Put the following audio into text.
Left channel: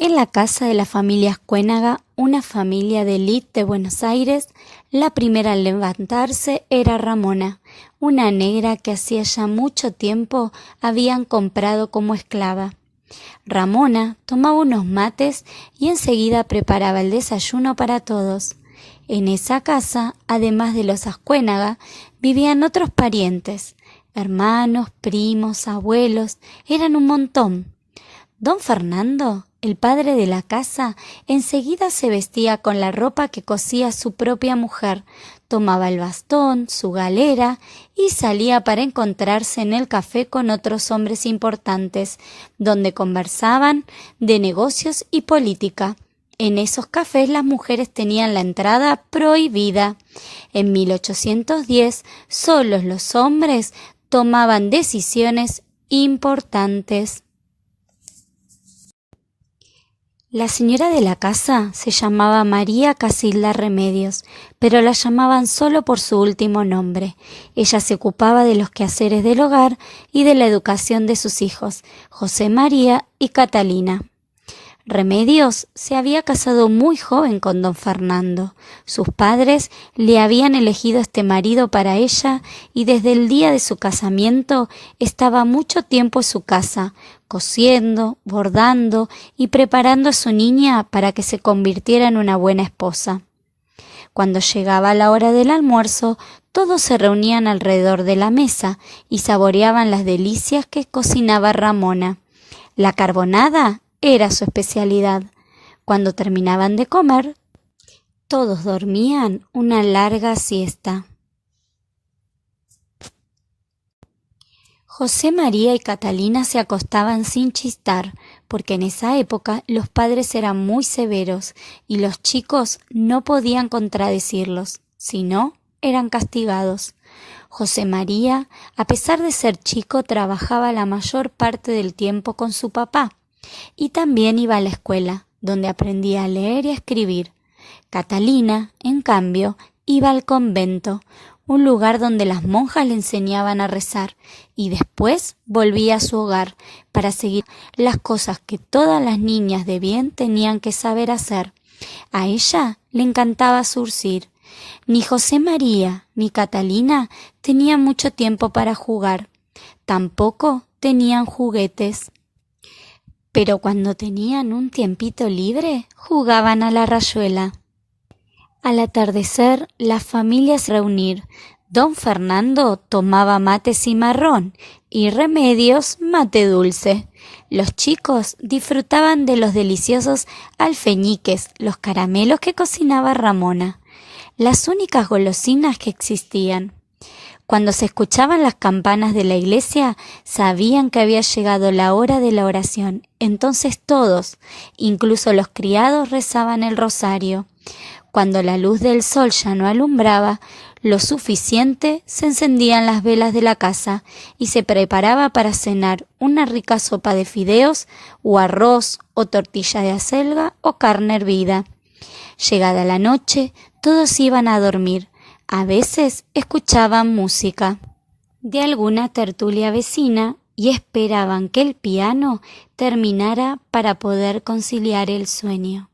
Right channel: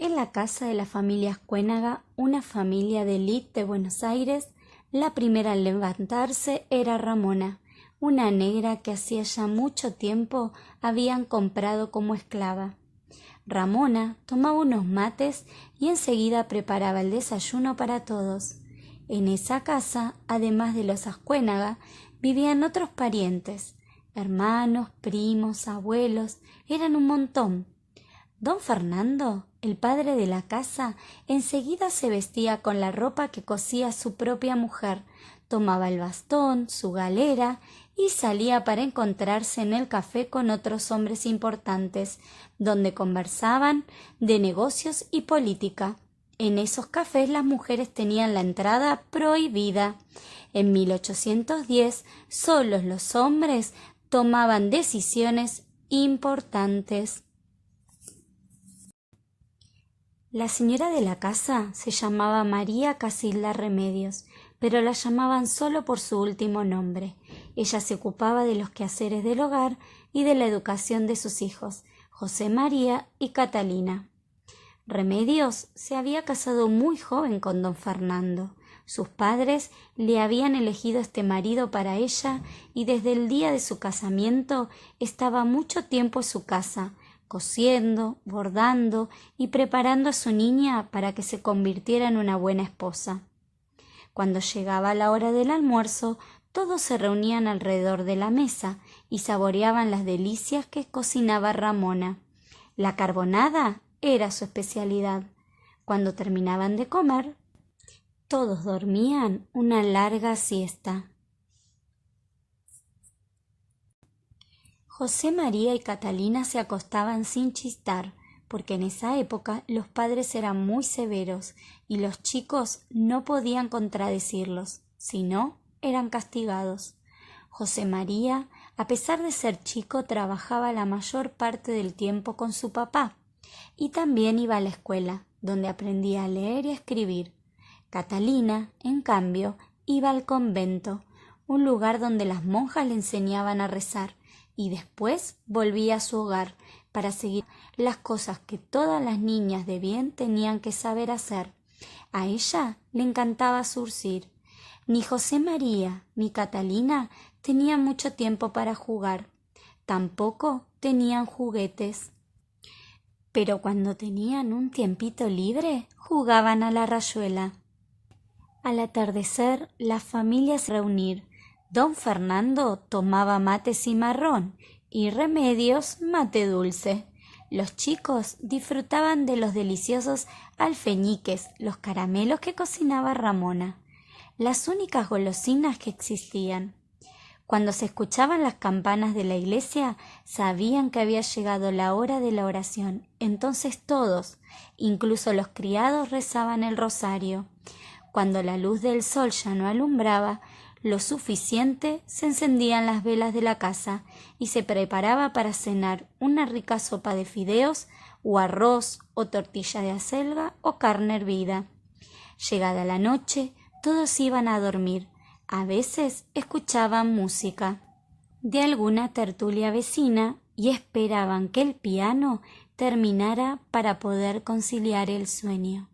En la casa de la familia Ascuénaga, una familia de élite de Buenos Aires, la primera en levantarse era Ramona, una negra que hacía ya mucho tiempo habían comprado como esclava. Ramona tomaba unos mates y enseguida preparaba el desayuno para todos. En esa casa, además de los Ascuénaga, vivían otros parientes, hermanos, primos, abuelos, eran un montón. Don Fernando, el padre de la casa, enseguida se vestía con la ropa que cosía su propia mujer, tomaba el bastón, su galera y salía para encontrarse en el café con otros hombres importantes, donde conversaban de negocios y política. En esos cafés las mujeres tenían la entrada prohibida. En 1810, solos los hombres tomaban decisiones importantes. La señora de la casa se llamaba María Casilda Remedios, pero la llamaban solo por su último nombre. Ella se ocupaba de los quehaceres del hogar y de la educación de sus hijos, José María y Catalina. Remedios se había casado muy joven con don Fernando. Sus padres le habían elegido este marido para ella y desde el día de su casamiento estaba mucho tiempo en su casa, cosiendo, bordando y preparando a su niña para que se convirtiera en una buena esposa. Cuando llegaba la hora del almuerzo, todos se reunían alrededor de la mesa y saboreaban las delicias que cocinaba Ramona. La carbonada era su especialidad. Cuando terminaban de comer, todos dormían una larga siesta. José María y Catalina se acostaban sin chistar, porque en esa época los padres eran muy severos y los chicos no podían contradecirlos, si no, eran castigados. José María, a pesar de ser chico, trabajaba la mayor parte del tiempo con su papá y también iba a la escuela, donde aprendía a leer y a escribir. Catalina, en cambio, iba al convento, un lugar donde las monjas le enseñaban a rezar, y después volvía a su hogar para seguir las cosas que todas las niñas de bien tenían que saber hacer. A ella le encantaba zurcir. Ni José María ni Catalina tenían mucho tiempo para jugar. Tampoco tenían juguetes. Pero cuando tenían un tiempito libre, jugaban a la rayuela. Al atardecer, la familia se reunía. Don Fernando tomaba mate cimarrón y Remedios mate dulce. Los chicos disfrutaban de los deliciosos alfeñiques, los caramelos que cocinaba Ramona, las únicas golosinas que existían. Cuando se escuchaban las campanas de la iglesia, sabían que había llegado la hora de la oración. Entonces todos, incluso los criados, rezaban el rosario. Cuando la luz del sol ya no alumbraba lo suficiente, se encendían las velas de la casa y se preparaba para cenar una rica sopa de fideos o arroz o tortilla de acelga o carne hervida. Llegada la noche, todos iban a dormir. A veces escuchaban música de alguna tertulia vecina y esperaban que el piano terminara para poder conciliar el sueño.